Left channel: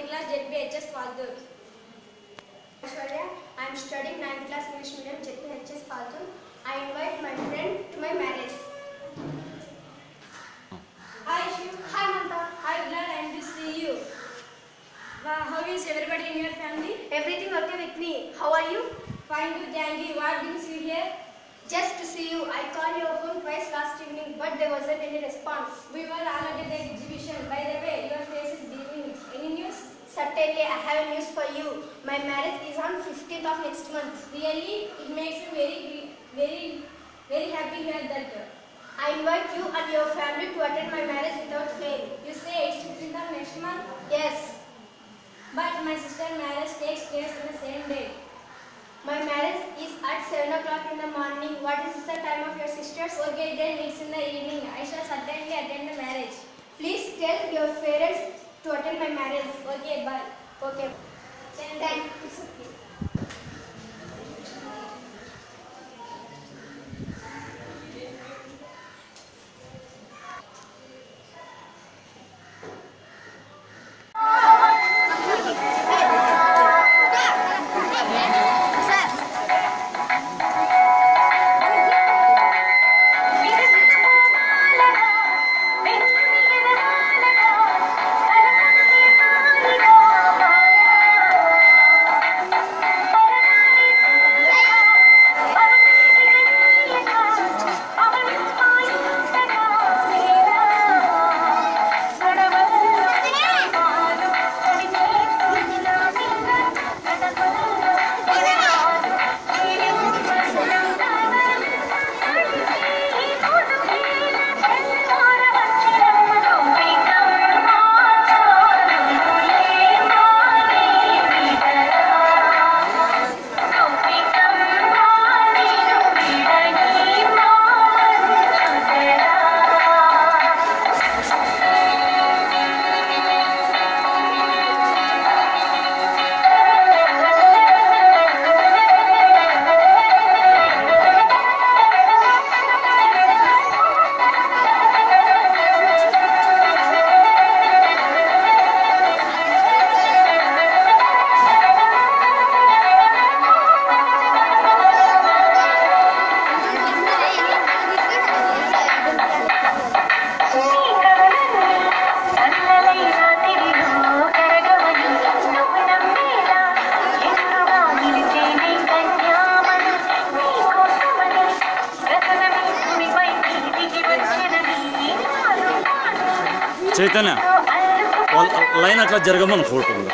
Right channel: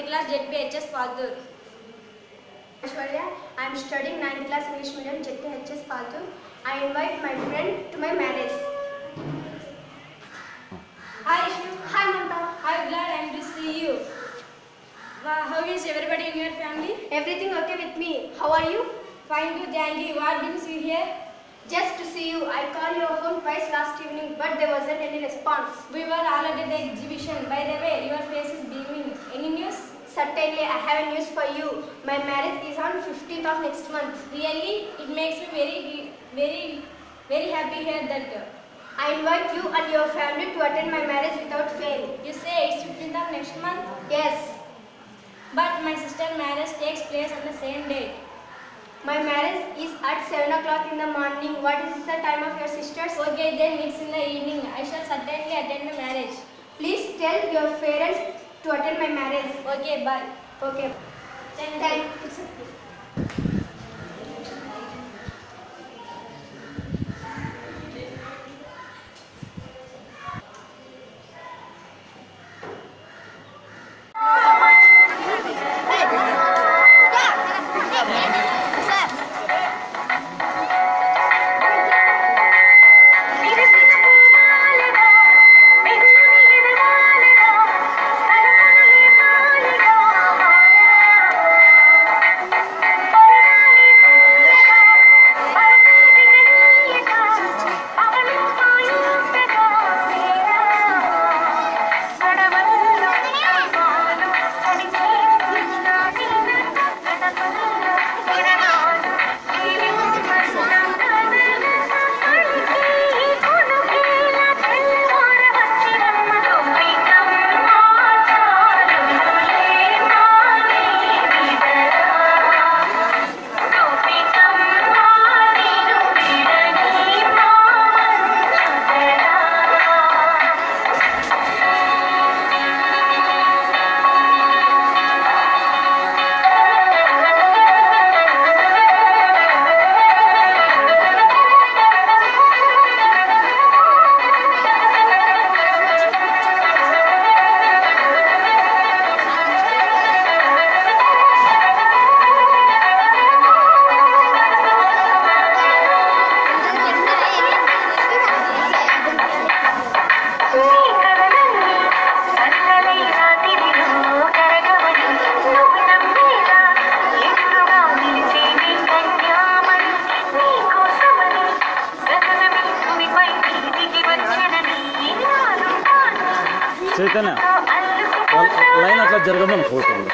9th class ZPHS Paltur. Aishwarya, I am studying 9th class English medium ZPHS Paltur. I invite my friend to my marriage. Hi Ishu. Hi Mamta. Hi Vlad, I am to see you. How is everybody in your family? Everything okay with me? How are you? Fine too, thank you. What brings you here? Just to see you. I called your home twice last evening, but there wasn't any response. We were all at the exhibition. By the way, your face is beaming. Any news? Certainly, I have a news for you. My marriage is on 15th of next month. Really? It makes me very happy to hear that. I invite you and your family to attend my marriage without fail. You say it's 15th of next month? Yes. But my sister's marriage takes place on the same date. My marriage is at 7 o'clock in the morning. What is the time of your sister's? Okay, then it's in the evening. I shall certainly attend the marriage. Please tell your parents to attend my marriage. Okay, bye. Okay. Thank you. Chaitanya line అట్లా జరగమని photo ఉంది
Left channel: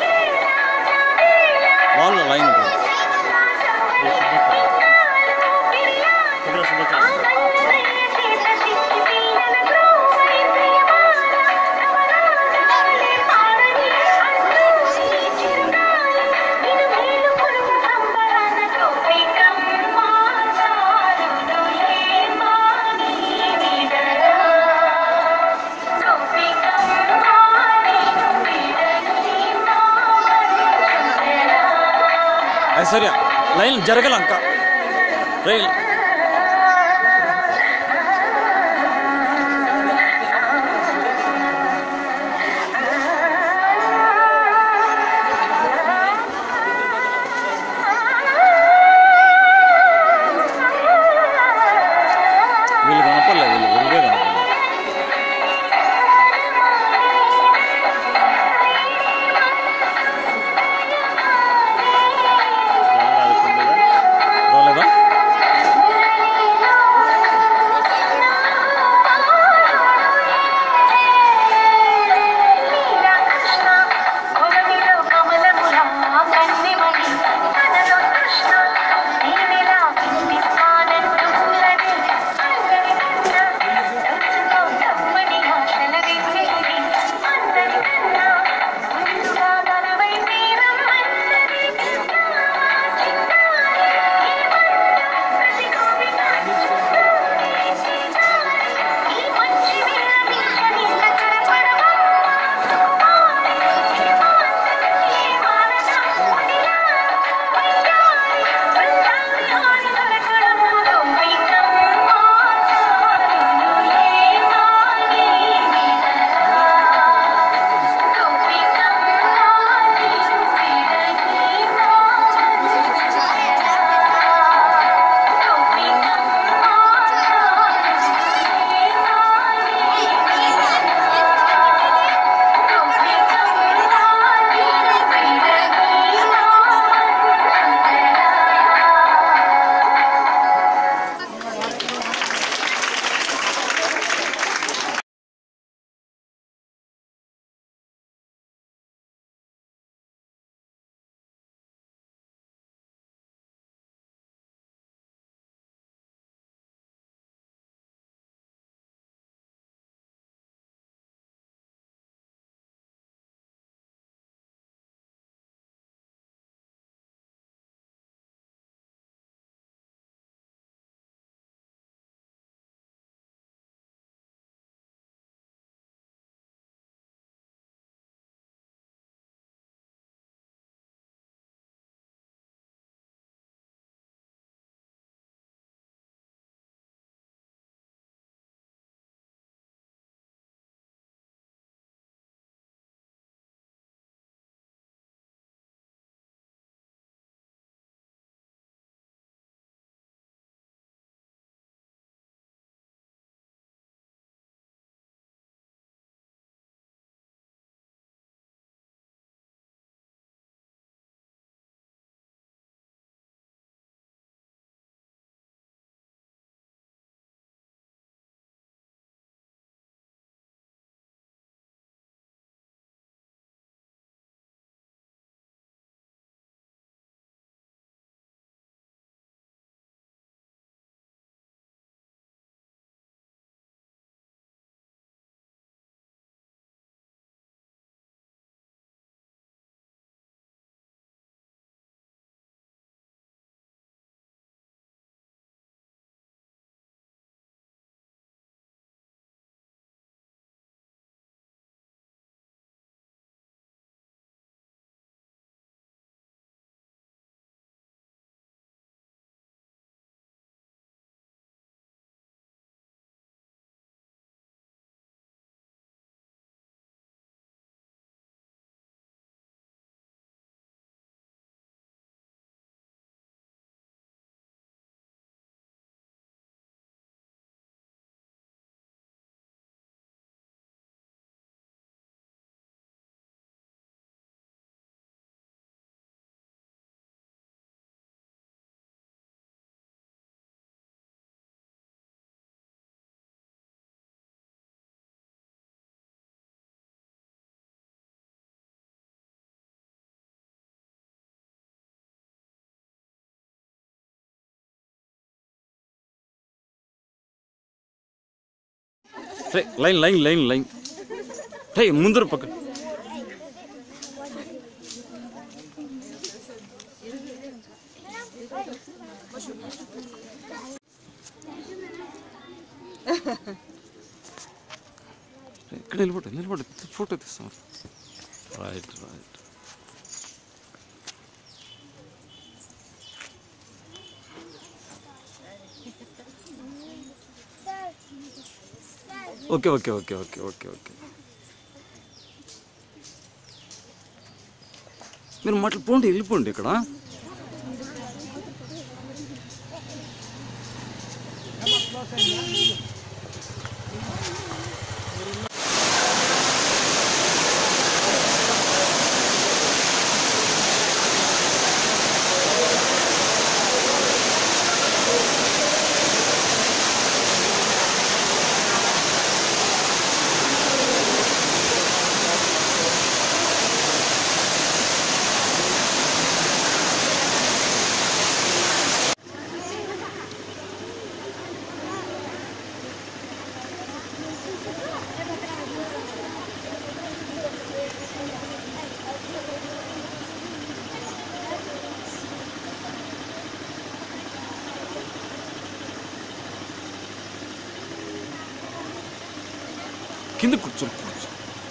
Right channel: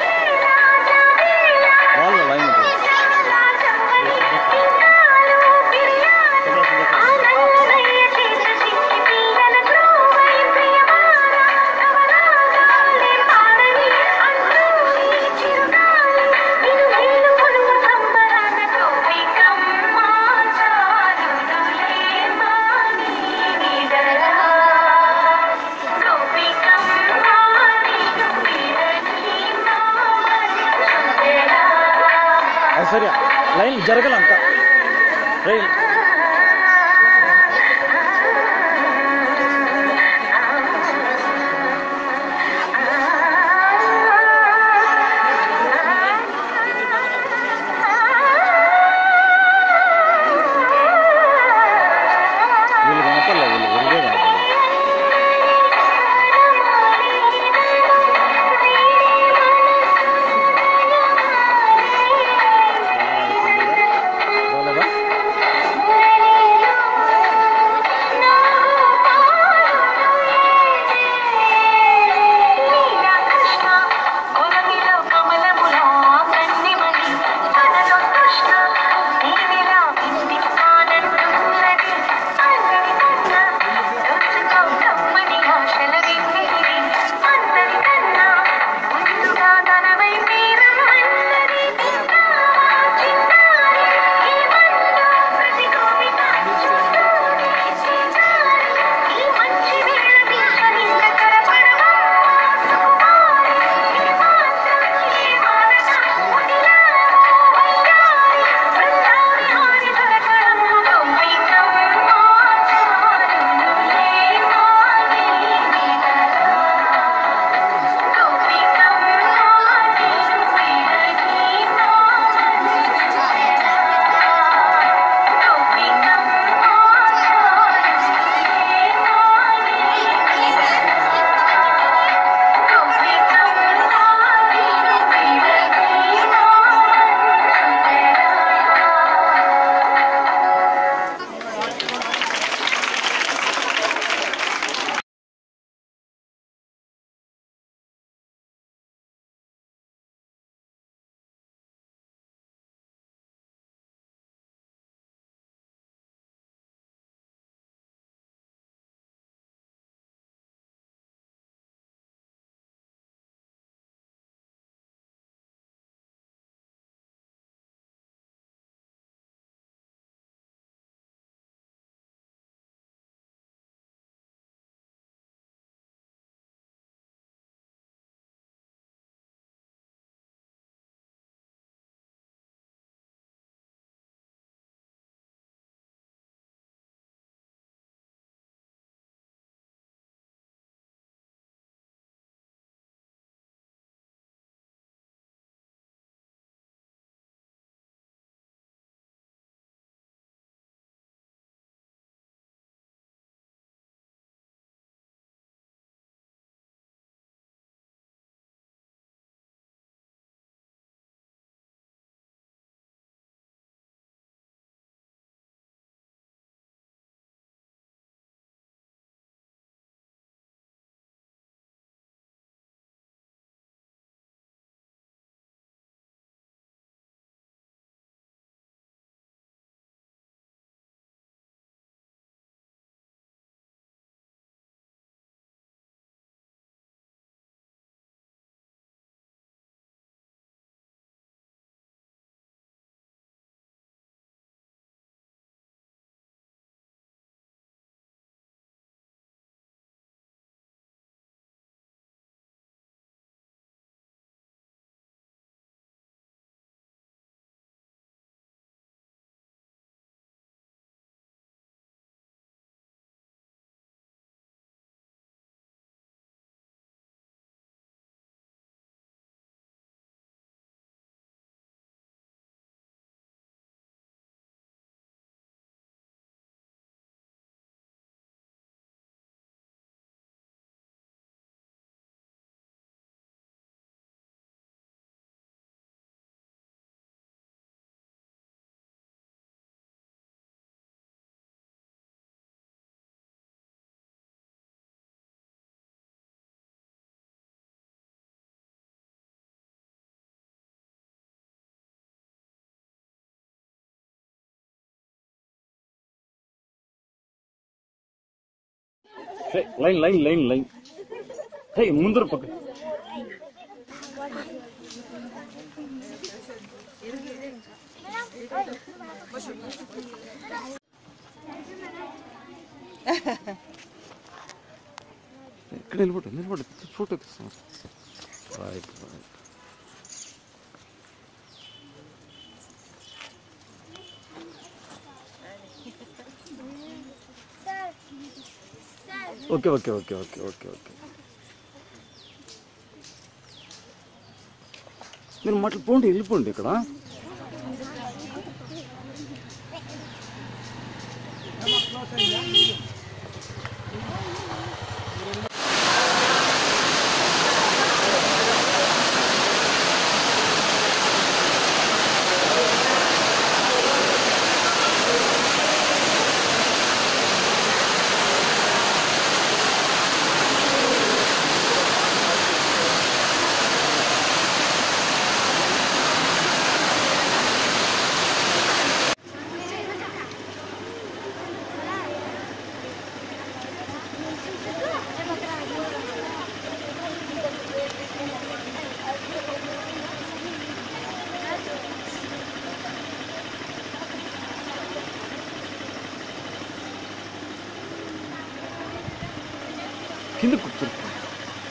వాళ్ళ line Aishwarya line జరగలంక rail వీళ్ళు కనపడలేదు వీళ్ళు ఉరిగే కనపడలేదు line line line line ముందర పక్క ఇక్కడ నిలబడి ఫోటో తీస్తాం. Right okay okay okay okay okay okay మీరు మాటలు పోండి, వెళ్ళిపోండి. ఇక్కడ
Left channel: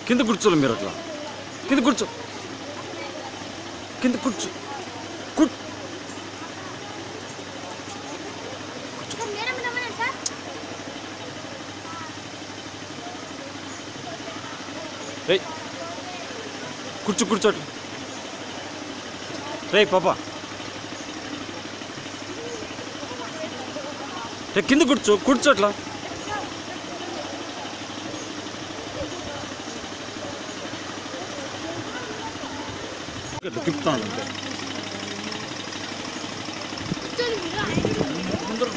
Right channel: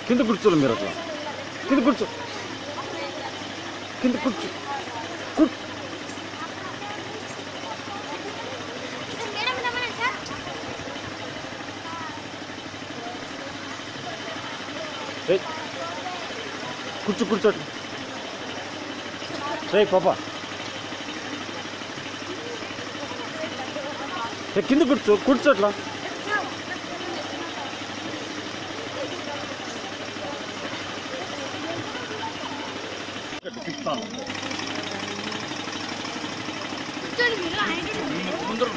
కింద కూర్చోలే మీరు అట్లా కింద కూర్చో కూర్చో అట్లా. రే పాపా కింద కూర్చో అట్లా. తిప్పుతాను ముందర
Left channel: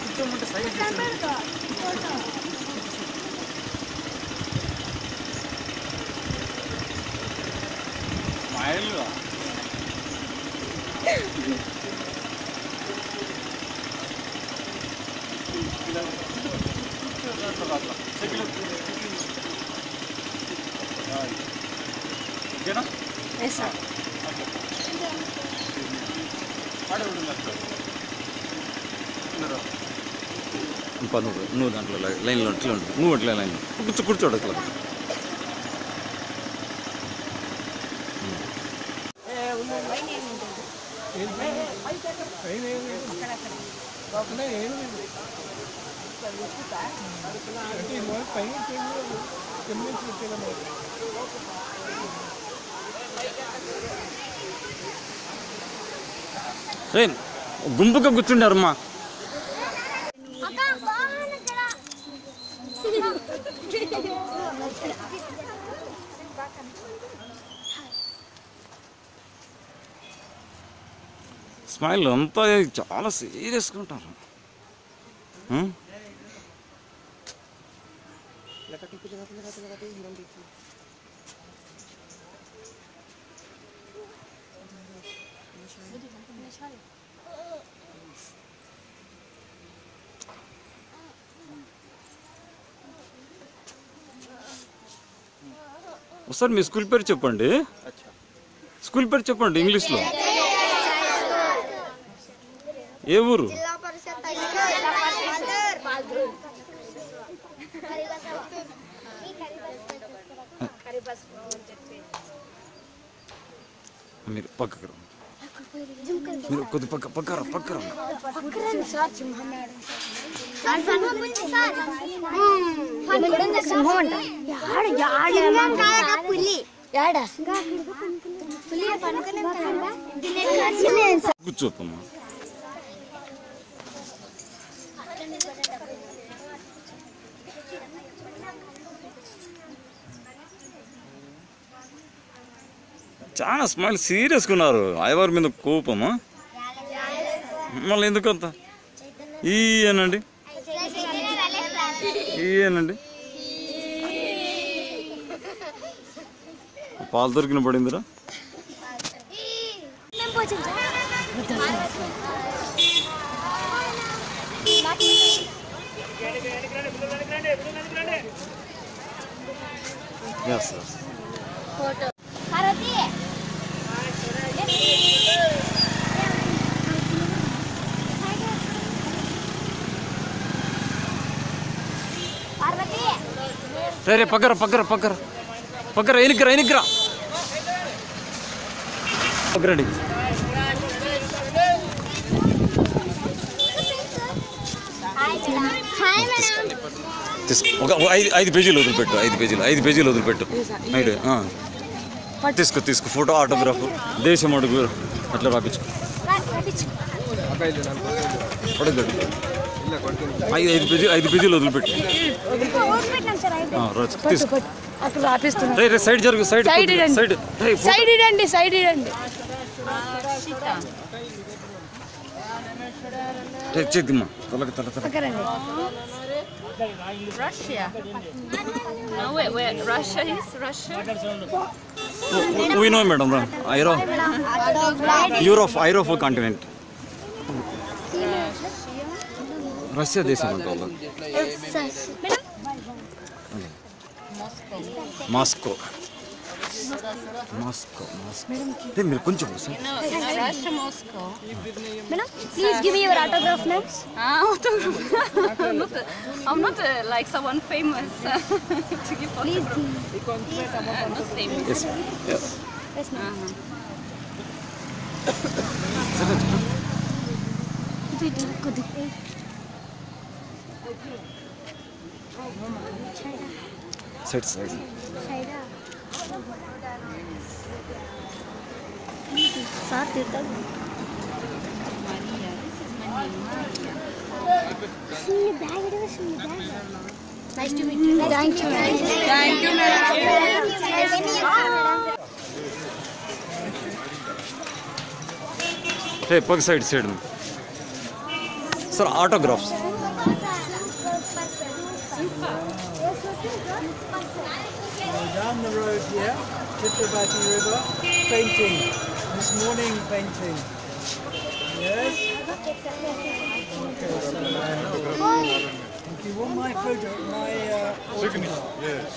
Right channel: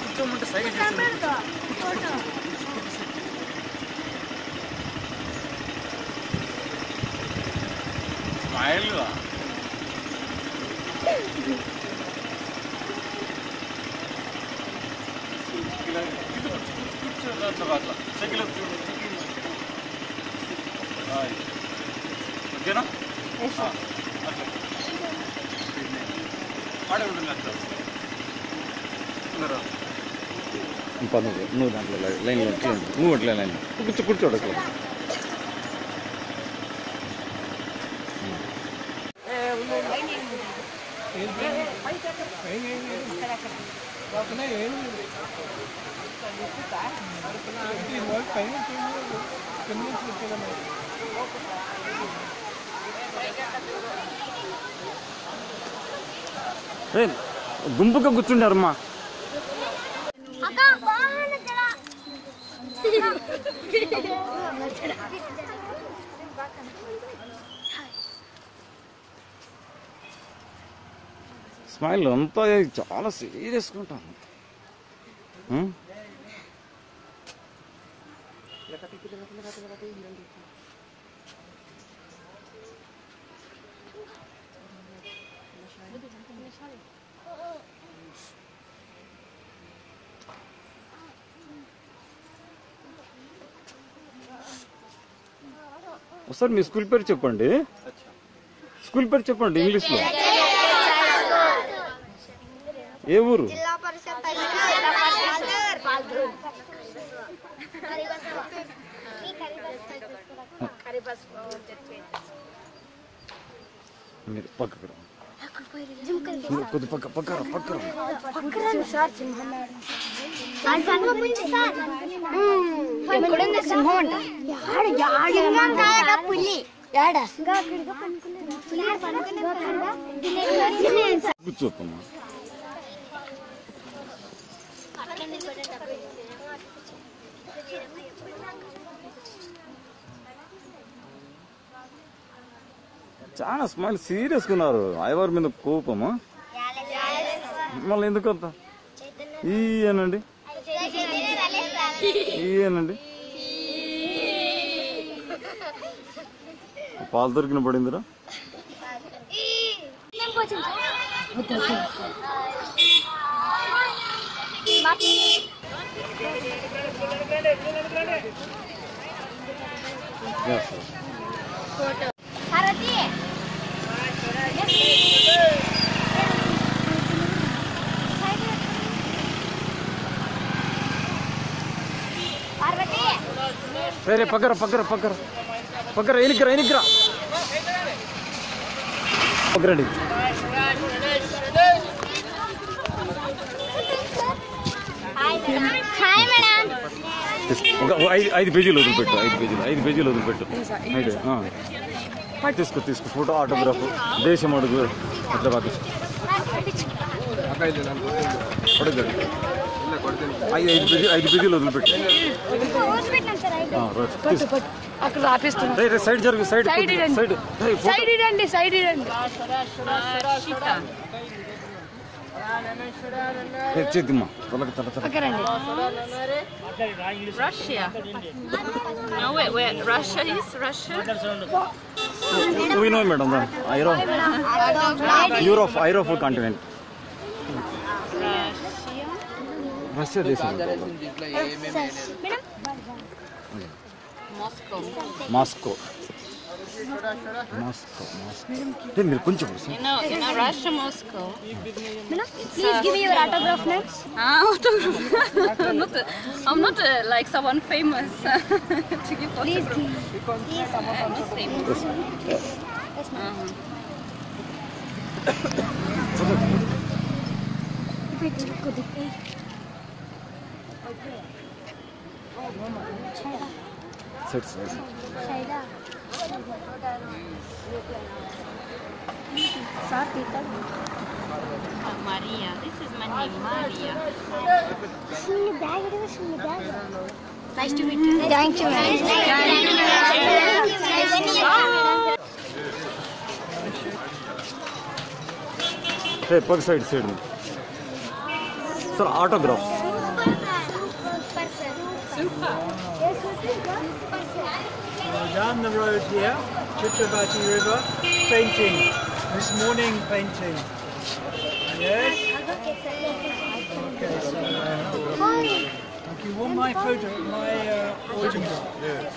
కూర్చోమంటే సైకిల్ స్మైల్ అట్లా సైకిల్ ఓకేనా? నువ్వు దాంట్లో లైన్లో అట్లా ఉండు, నువ్వు అట్లా లైన్లో కూర్చోడు అట్లా. గుంపుగా కూర్చుండారమ్మా. స్మైల్ అంతా చాలా సీరియస్గా ఉంటారు. ఒకసారి మీ స్కూల్ పేరు చెప్పండి. ఇంగ్లీష్లో. ఏ ఊరు? మీరు పక్కకు రా, మీరు కొద్ది పక్కరా. కూర్చోపమ్మా. చాలా స్మైల్ సీరియస్గా ఉన్నారు. అయ్యవారి మీద కోపమా? మళ్ళీ ఎందుకంత? ఈయనండి పాలు దొరికిన పడిందిరా. Yes, yes. Photo. Harati. Parvati. Hey, pagara. Enikra. Pagara. Hi, madam. ఐదు పేజీలు వదిలిపెట్టు తీసుకు ఫోటో ఆటోగ్రాఫ్ దేశం అడుగు అట్లా పంపించు ఐదు పేజీలు వదిలిపెట్టు సైడ్ జరుగు సైడ్ చేద్దిమ్మా తల Russia. No, where Russia is? Russia? We know, madam. Europe continent. Russia దేశం అంటారు. Moscow. Hey, మీరు కొంచెం No, Russia, Moscow. Madam, please give me your autograph now. Autograph. I'm not like someone famous to give autograph. Please. Not famous. Yes. Yes. Side. Maria, this is my name, Maria. Nice to meet you. Thank you. Hey, pug side. Sir, autographs. Down the road here, Chitravati River, painting. This morning painting. Yes? Okay, so you want my photo, my autograph? Yes.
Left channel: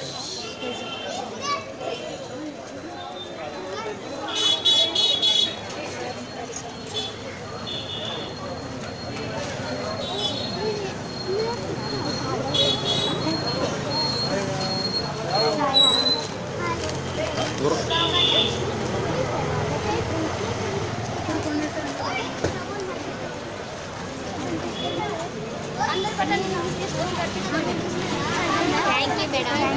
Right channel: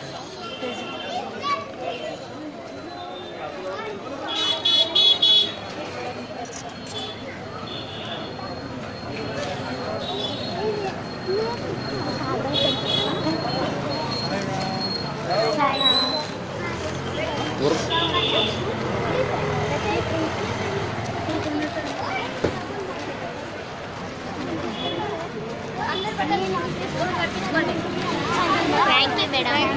Thank you, madam.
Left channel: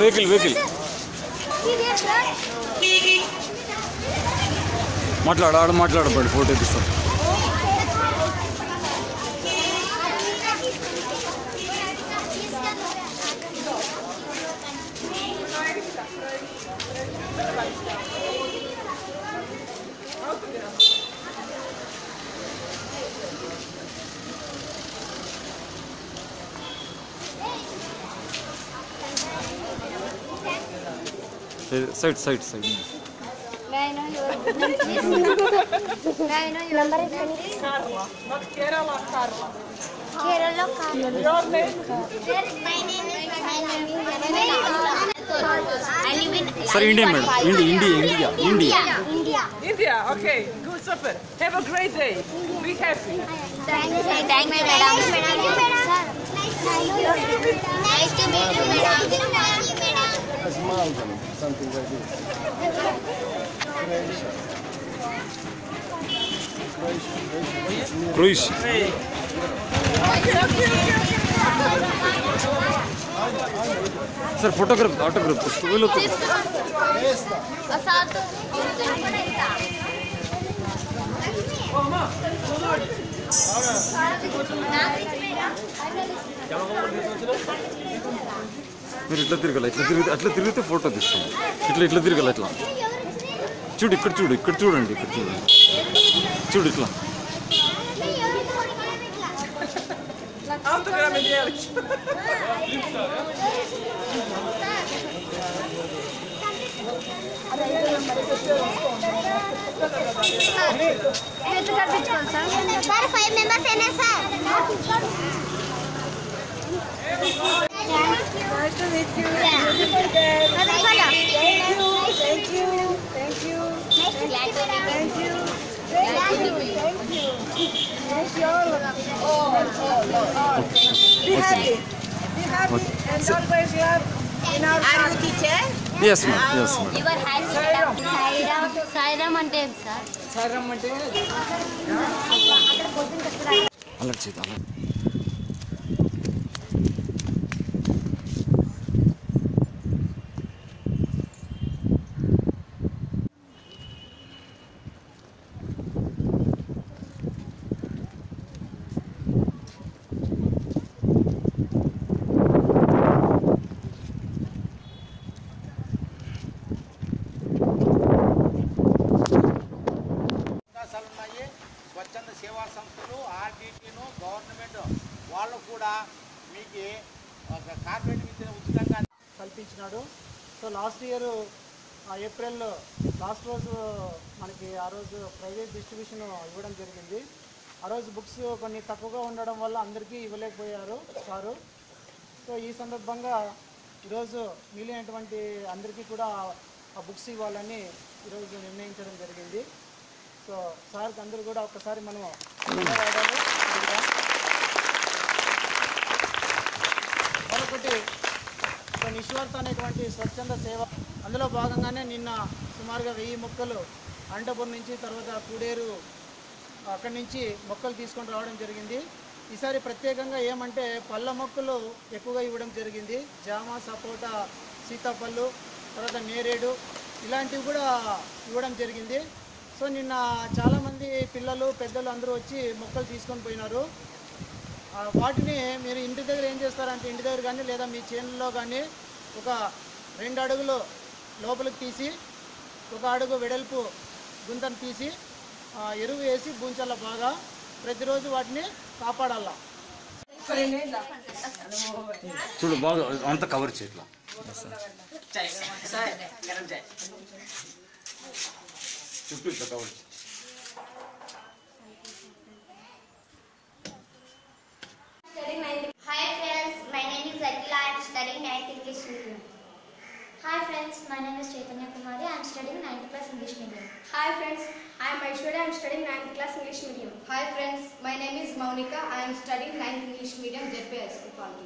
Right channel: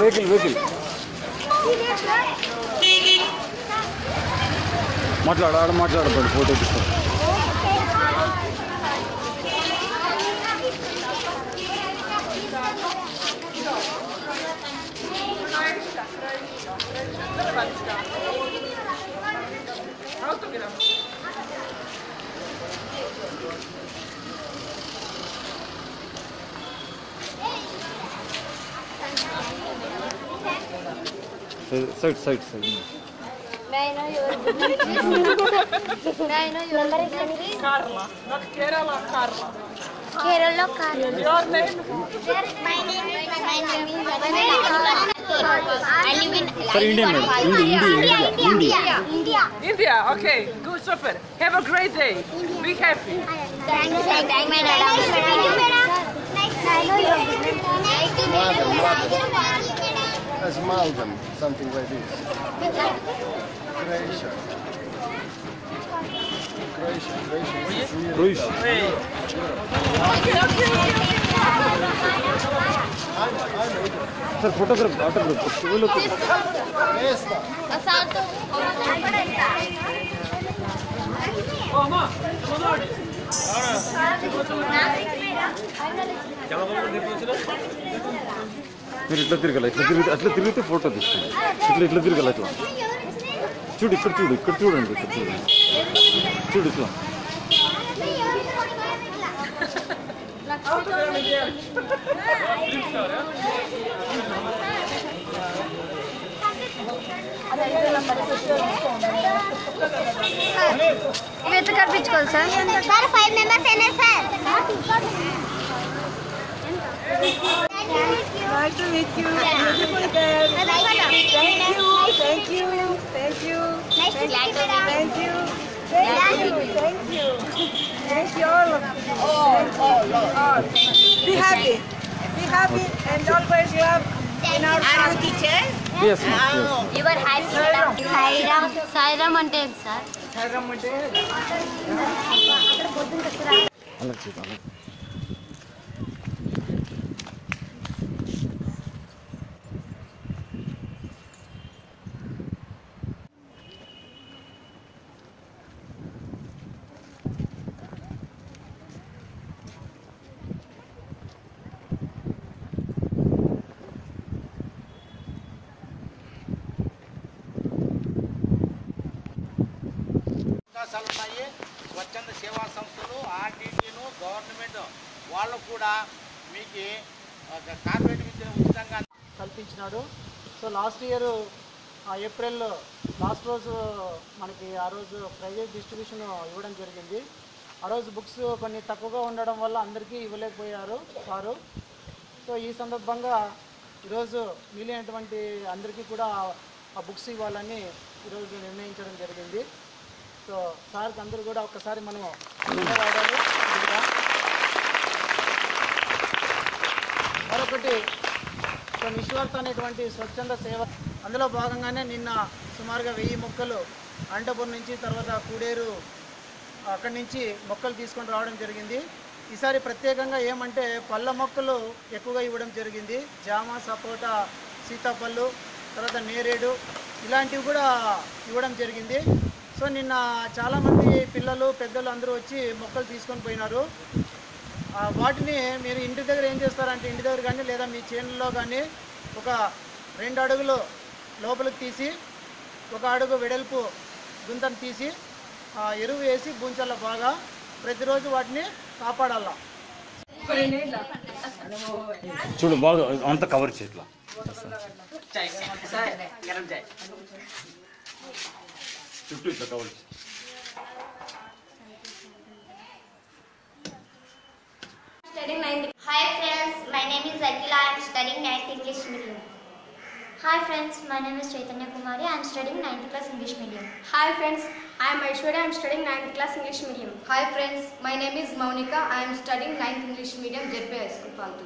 Vehicle మాట్లాడబడి photo తీస్తాం side May I know your number? Carla, not Kerala, Carla. Kerala. Your name? My name is Sir, Indian madam. India. India, okay, good, super. Have a great day. Be happy. Thank you, madam. Nice to meet you, madam. As Malden, something like this. Croatia. Croatia. Sir, photograph, autograph. మీరు ఇట్లా తిరగాలి అట్లా తిరిగితే photo తీస్తాం ఇట్లా తిరగాలి ఇట్లా చూడు ఇక్కడ చూడండి చూడు ఇట్లా సార్ 5 మెంబర్స్ అయినా sir Nice to meet you. Beautiful girl. Thank you. Thank you. Thank you. Nice to meet you, madam. Thank you. Thank you. Thank you. Thank you all. All. Be happy. Be happy and always love in our heart. Yes, ma'am. Yes, ma'am. Sairam అంటే ఏం sir? అలా చేద్దాం. అవకాశాలు ఉన్నాయి. స్వచ్ఛంద సేవా సంస్థలు, ఆర్టీటీను, government వాళ్ళు కూడా మీకు కార్పొరేట్ విద్యను ఉచితంగా కల్పించినాడు. So last year April last రోజు మనకి ఆ రోజు ప్రైవేట్ డిస్ట్రిబ్యూషన్ ఇవ్వడం జరిగింది. ఆ రోజు బుక్స్ కొన్ని తక్కువగా ఉండడం వల్ల అందరికీ ఇవ్వలేకపోయారు సారు. సో ఈ సందర్భంగా ఈరోజు మిగిలినటువంటి అందరికీ కూడా ఆ బుక్స్ ఇవ్వాలని ఈరోజు నిర్ణయించడం జరిగింది. సో సార్కి అందరూ కూడా ఒక్కసారి మనం ధన్యవాదాలు. మరొకటి నిశ్వార్త అనేటువంటి స్వచ్ఛంద సేవ, అందులో భాగంగానే నిన్న సుమారుగా 1000 మొక్కలు అనంతపురం నుంచి, తర్వాత కూడేరు అక్కడి నుంచి మొక్కలు తీసుకొని రావడం జరిగింది. ఈసారి ప్రత్యేకంగా ఏమంటే పళ్ళ మొక్కలు ఎక్కువగా ఇవ్వడం జరిగింది. జామ, సపోటా, సీతాపళ్ళు, తర్వాత నేరేడు ఇలాంటివి కూడా ఇవ్వడం జరిగింది. సో నిన్న చాలామంది పిల్లలు, పెద్దలు అందరూ వచ్చి మొక్కలు తీసుకొని పోయినారు. వాటిని మీరు ఇంటి దగ్గర ఏం చేస్తారంటే, ఇంటి దగ్గర కానీ లేదా మీ చేనులో కానీ ఒక 2 అడుగులు లోపలికి తీసి 1 అడుగు వెడల్పు గుంతను తీసి ఎరువు వేసి బూంచాల బాగా ప్రతిరోజు వాటిని కాపాడాల. చూడు బాగా అంత కవర్ చేయట్లా. చుట్టూ ఇట్లా కవర్ చేయి. Hi friends, my name is Akila. I am studying 9th English medium. Hi friends, my name is Chaitanya Kumari. I am studying 9th class English medium. Hi friends, I am Aishwarya. I am studying 9th class English medium. Hi friends, my name is Maunika. I am studying 9th English medium, JP High School, Paltu.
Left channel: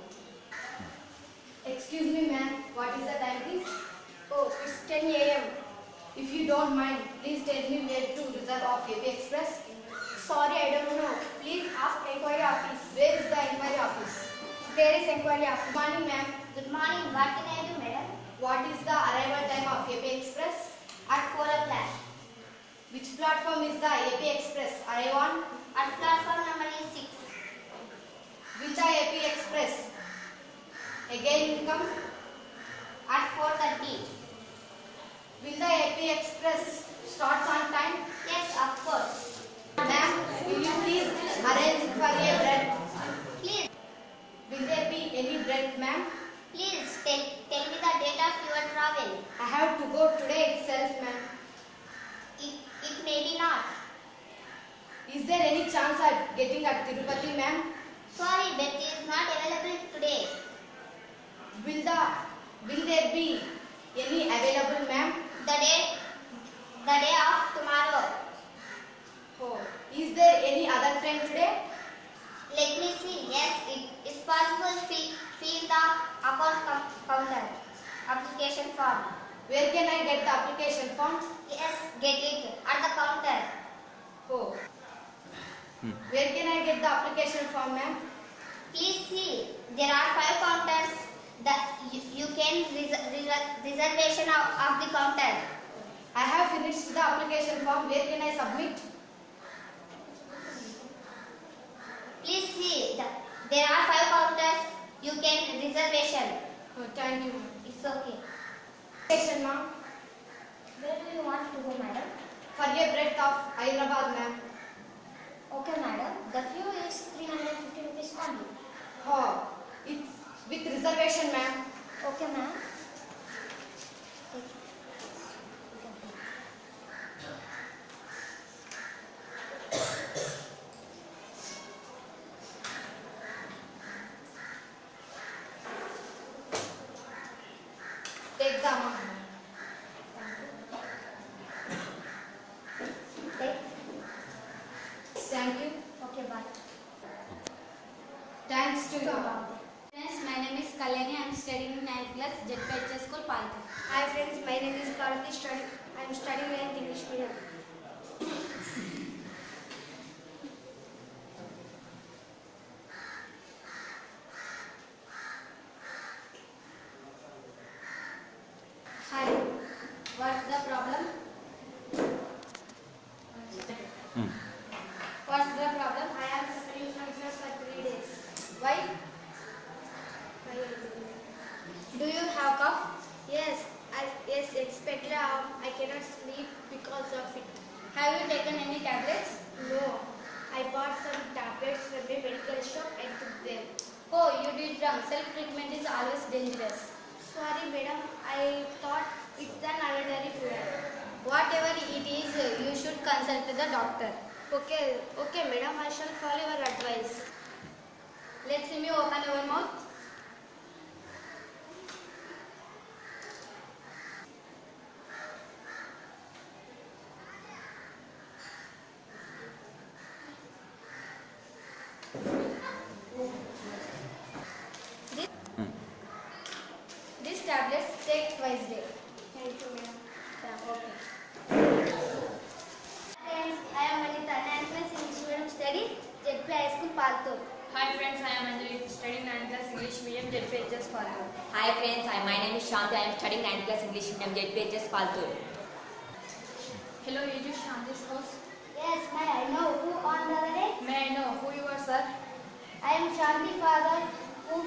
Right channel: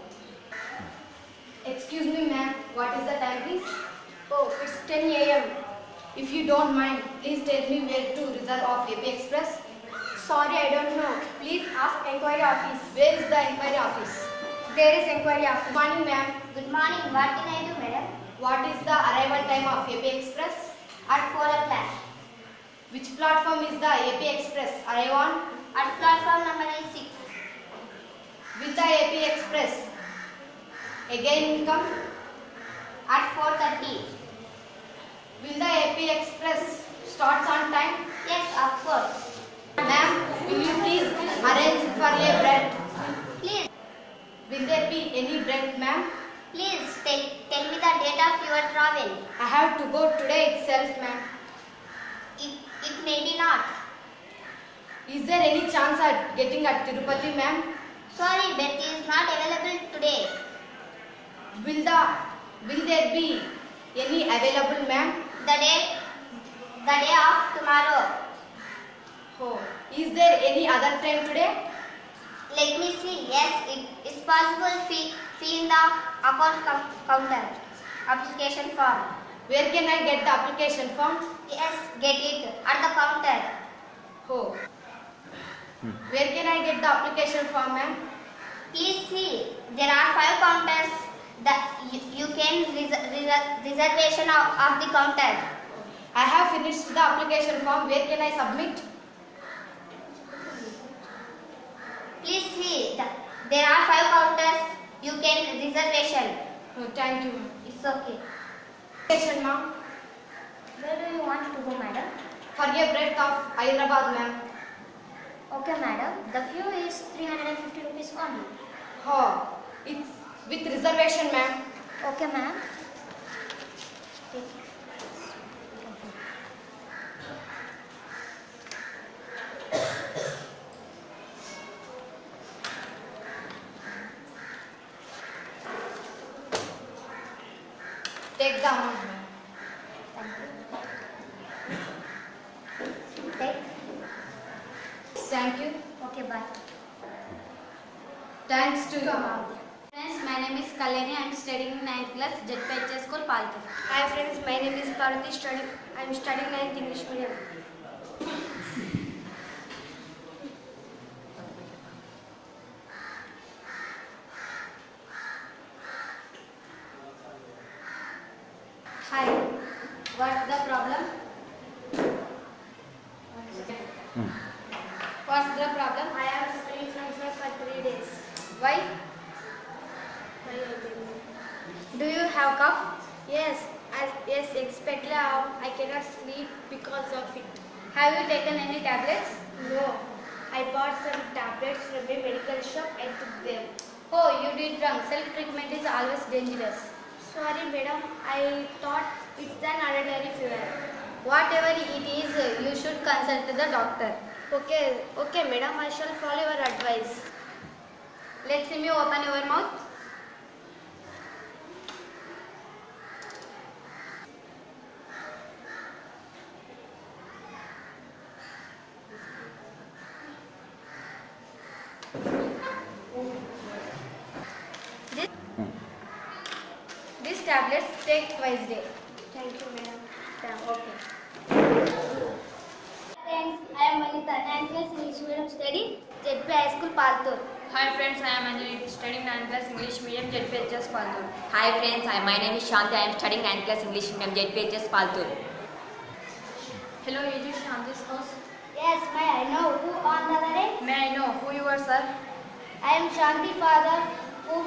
Excuse me ma'am, what is the time please? Oh, it's 10 a.m. If you don't mind, please tell me where to reserve of AP Express. Sorry, I don't know. Please ask enquiry office. Where is the enquiry office? There is enquiry office. Good morning ma'am. Good morning. What can I do, madam? What is the arrival time of AP Express? At 4 o'clock. Which platform is the AP Express arrive on? At platform number is 6. Will the AP Express again come? At 4:30. Will the AP Express starts on time? Yes, of course. Ma'am, will you please arrange for a bread? Please, Will there be any bread, ma'am? please tell me the date of your travel. I have to go today itself, ma'am. It may be not. Is there any chance at getting at Tirupati, ma'am? Sorry, bed is not available today. Will there be any available, ma'am? The day of tomorrow. Oh, is there any other train today? Let me see. Yes, it is possible. Fee in the account counter. Application form. Where can I get the application form? Yes, get it at the counter. Oh. Where can I get the application form, ma'am? Please see. There are 5 counters that you can reservation of the counter. I have finished the application form. Where can I submit? Please see. There are 5 counters. You can reservation. Oh, thank you, ma'am. It's okay. Application, ma'am. Where do you want to go, madam? For a breadth of Hyderabad, ma'am. Okay, madam. The fee is 350 rupees only. Oh, it's with reservation, ma'am. Okay, ma'am. Take the amount. Take. Thank you. Okay, bye. Thanks to you. Friends, my name is Kalyani. I am studying in 9th class, JPHS School, Paltu. Hi friends, my name is Parati. I am studying 9th English medium. Hi, what's the problem? What's the problem? I am suffering from fever for 3 days. Why? Do you have cough? Yes, especially I cannot sleep because of it. Have you taken any tablets? No, I bought some tablets from a medical shop and took them. Oh, you did wrong. Self-treatment is always dangerous. Sorry madam, I thought it's an ordinary fever. Whatever it is, you should consult the doctor. Okay madam, I shall follow your advice. Let's see me open your mouth. These tablets take twice a day. Thank you madam. Okay. Friends, I am Vanita, 9th class English medium study, JP High School, Paltur. Hi friends, I am Anjali, studying 9th class English medium, JPHS Paltur. Hi friends, my name is Shanti. I am studying 9th class English medium, JPHS Paltur. Hello, is this Shanti's house? Yes, may I know who on the other end? May I know who you are, sir? I am Shanti father, whom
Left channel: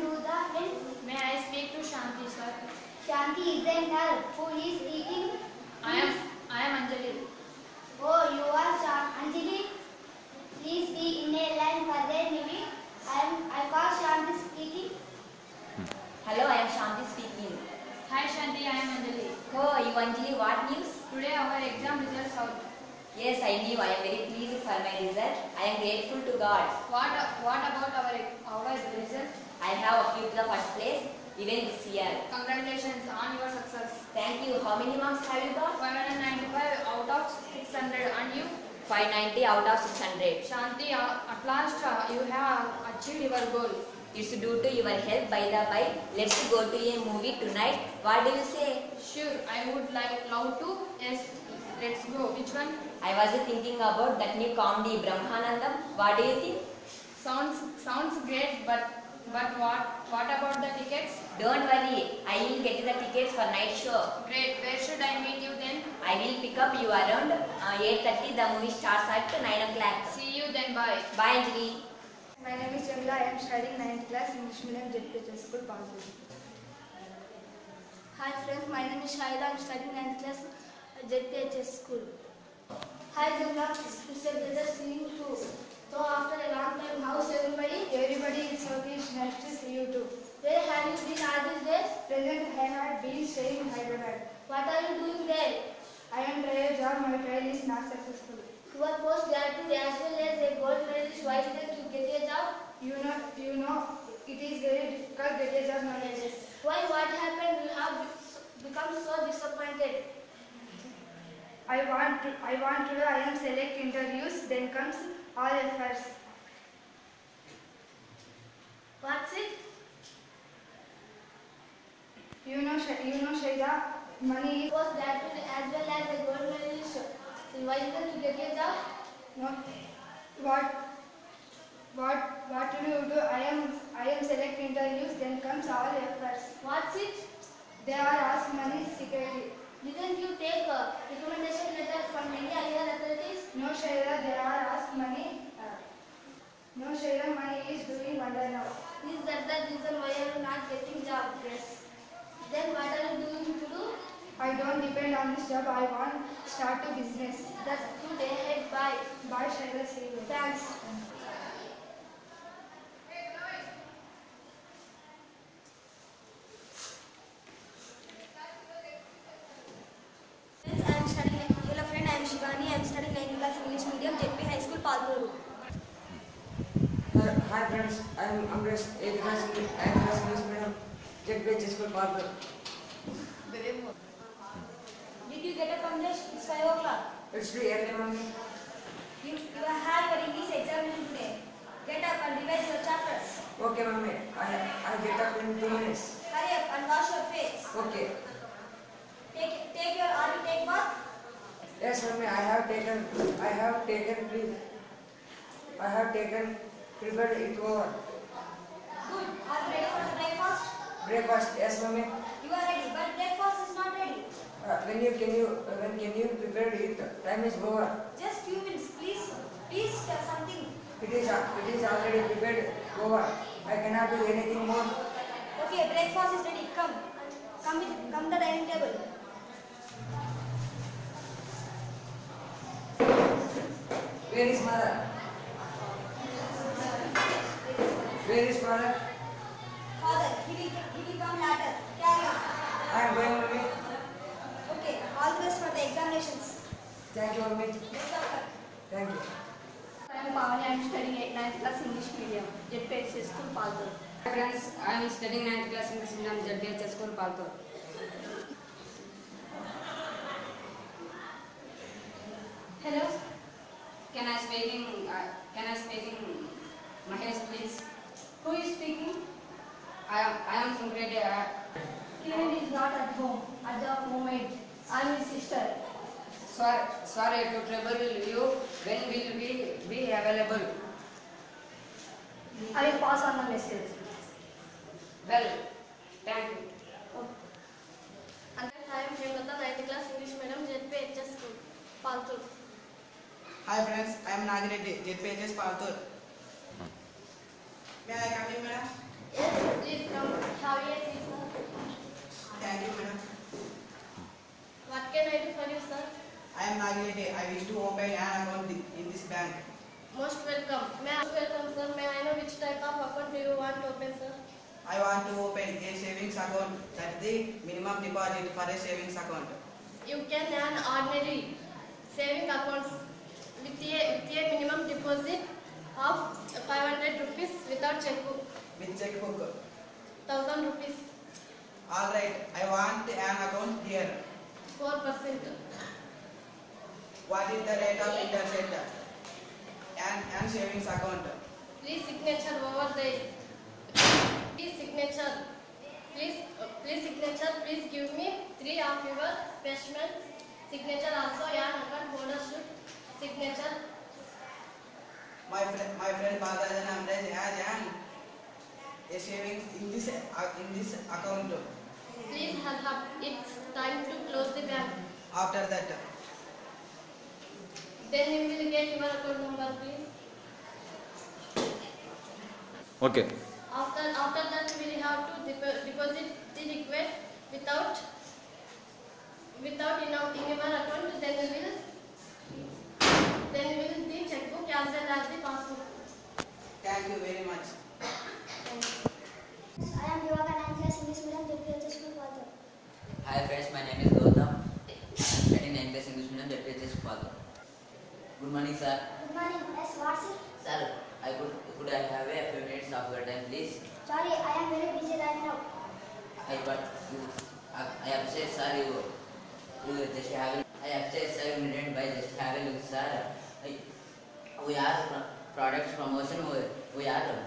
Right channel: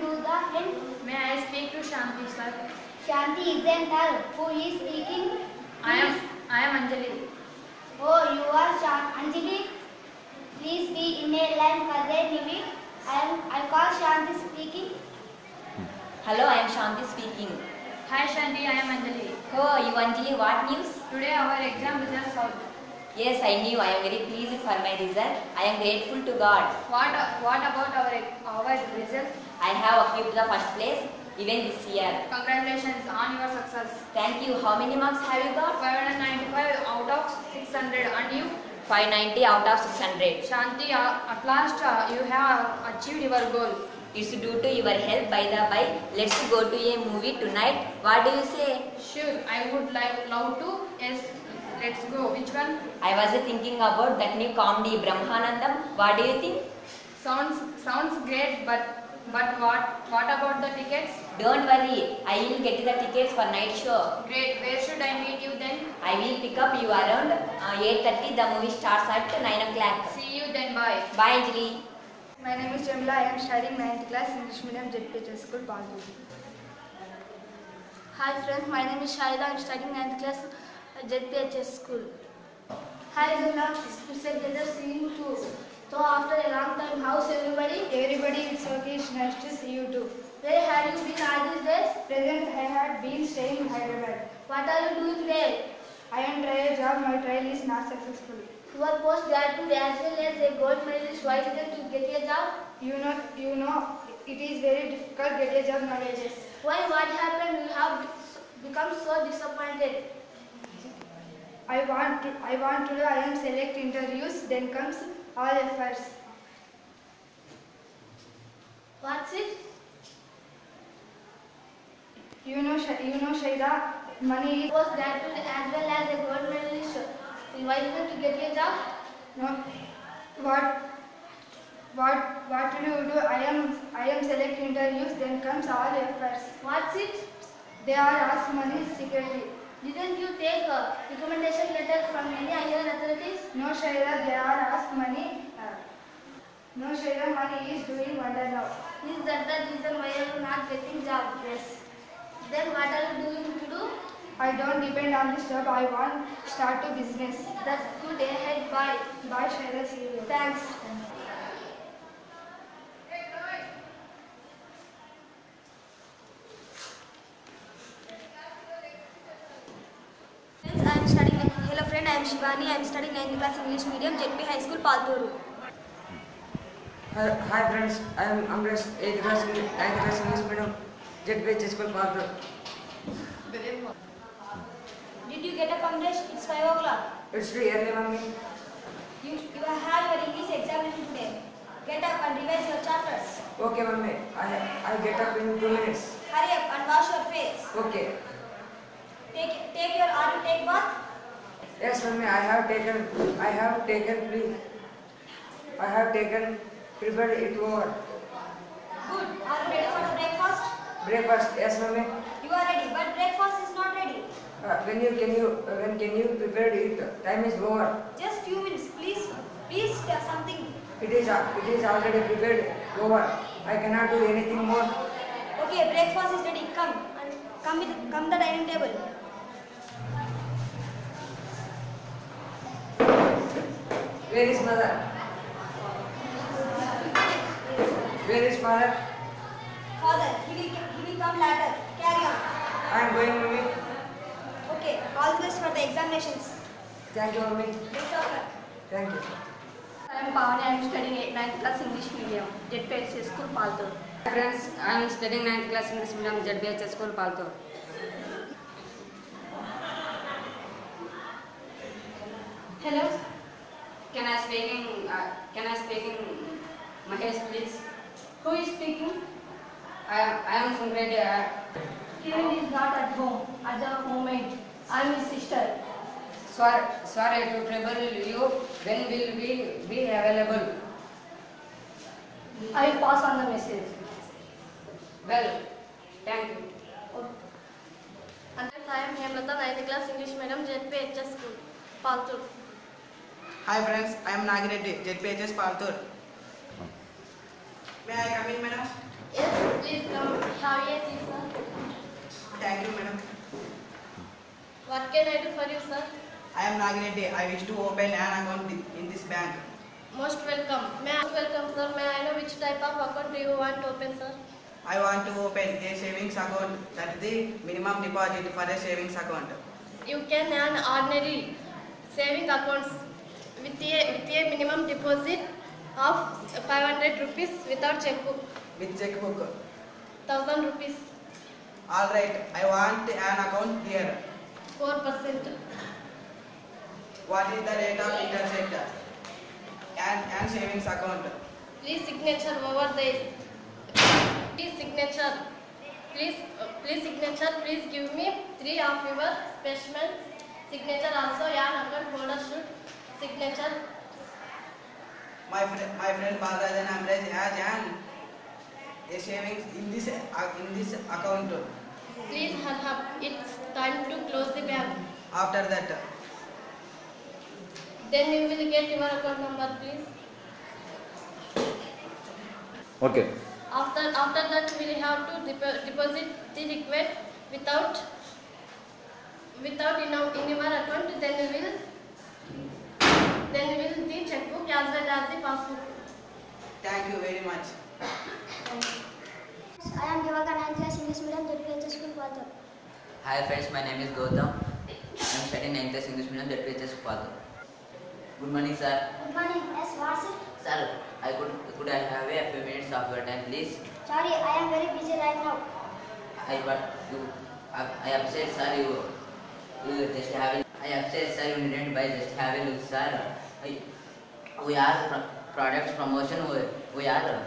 do the end? May I speak to Shanti, sir? Shanti isn't her. Who is speaking? I am Anjali. Oh, you are Anjali? Please be in a line for a minute. I call Shanti speaking. Hello, I am Shanti speaking. Hi Shanti, I am Anjali. Oh, you Anjali, what news? Today our exam results out. Yes, I knew. I am very pleased for my result. I am grateful to God. What about our result? I have achieved the first place even this year. Congratulations on your success. Thank you. How many marks have you got? 595 out of 600. And you? 590 out of 600. Shanti, at last you have achieved your goal. It's due to your help. By the by, let's go to a movie tonight. What do you say? Sure, I would love to. Yes, let's go. Which one? I was thinking about that new comedy Brahmanandam. What do you think? Sounds great, but what about the tickets? Don't worry, I will get the tickets for night show. Great. Where should I meet you then? I will pick up you around 8:30. The movie starts at 9 o'clock. See you then. Bye. Bye, Anjali. My name is Jamila. I am studying 9th class English medium, JPHS School, Paltur. Hi friends, my name is Shahida. I am studying 9th class JPHS School. Hi Jamila, it's a pleasure seeing you. So after a long time, how's everybody? Everybody is okay. It's nice to see you too. Where have you been all these days? Present, I have been staying in Hyderabad. What are you doing there? I am trying a job. My trial is not successful. You are postgraduate as well as a gold medalist. Why didn't you get a job? You know, it is very difficult to get a job nowadays. Why? What happened? You have become so disappointed. I want to do. I am select interviews. Then comes all efforts. What's it? You know, Shaida, money is. Postgraduate as well as a gold medalist. Why didn't you get a job? No. What do you do? I am select interviews. Then comes all efforts. What's it? They are asked money secretly. Didn't you take a recommendation letter from any higher authorities? No, Shaira, they are asked money. No, Shaira, money is doing wonder now. Is that the reason why you are not getting job? Yes. Then what are you doing to do? I don't depend on this job. I want to start a business. That's good. Ahead. Bye. Bye, Shaira. See you later. Thanks. Hello friend, I am Shivani. I am studying 9th class English medium, JP High School, Palturu. Hi friends, I am Amresh, 8th class English medium, JPHS School, Palturu. Did you get up, Kamlesh? It's 5 o'clock. It's too early, Mummy. You have your English examination today. Get up and revise your chapters. Okay, Mummy. I get up in 2 minutes. Hurry up and wash your face. Okay. Take your or to take bath. Yes, Mummy. I have taken, prepared it over. Good. Are you ready for the breakfast? Breakfast, yes, Mummy. You are ready, but breakfast is not ready. When can you prepare it? Time is over. Just few minutes, please. Please tell something. It is already prepared over. I cannot do anything more. Okay, breakfast is ready. Come the dining table. Where is mother? Where is father? Father, he will come later. Carry on. I am going, Mummy. Okay, all the best for the examinations. Thank you, Mummy. Best of luck. Thank you. I am Pavani. I am studying 9th class English medium. ZPHS School, Paltur. Hi friends, I am studying 9th class English medium ZPHS School, Paltur. Hello. Can I speak in Mahesh, please? Who is speaking? I am from grade. Kevin is not at home at the moment. I am his sister. Sorry to trouble you. When will we be available? I will pass on the message. Well, thank you. I am Hemlata, 9th class English medium, ZPHS School, Paltur. Hi friends, I am Nagireddy, ZPHS Paltur. May I come in, madam? Yes, please come. Have a seat, sir. Thank you, madam. What can I do for you, sir? I am Nagireddy. I wish to open an account in this bank. Most welcome. Most welcome, sir. May I know which type of account do you want to open, sir? I want to open a savings account. That is the minimum deposit for a savings account. You can earn ordinary saving accounts with a minimum deposit of 500 rupees without checkbook. With checkbook. 1000 rupees. Alright, I want an account here. 4%. What is the rate of interest and savings account? Please signature over there. Please signature. Please signature. Please give me 3 of your specimen signature. Also, an account holder should signature. My friend Bagajan Amraj has a savings in this account. Please hurry up. It's time to close the bank. After that. Then you will get your account number, please. Okay. After that, we will have to deposit the required without in your account. Then we will the checkbook as well as the passbook. Thank you very much. I am Devaka, 9th class English medium, ZPHS School, Paltur. Hi friends, my name is Gautam. I am studying 9th class English medium, ZPHS School, Paltur. Good morning, sir. Good morning. Yes, what's it? Sir, could I have a few minutes of your time, please? Sorry, I am very busy right now. I upset, sir. You just have. I upset, sir. You didn't buy. Just have a look, sir. We are products promotion. We are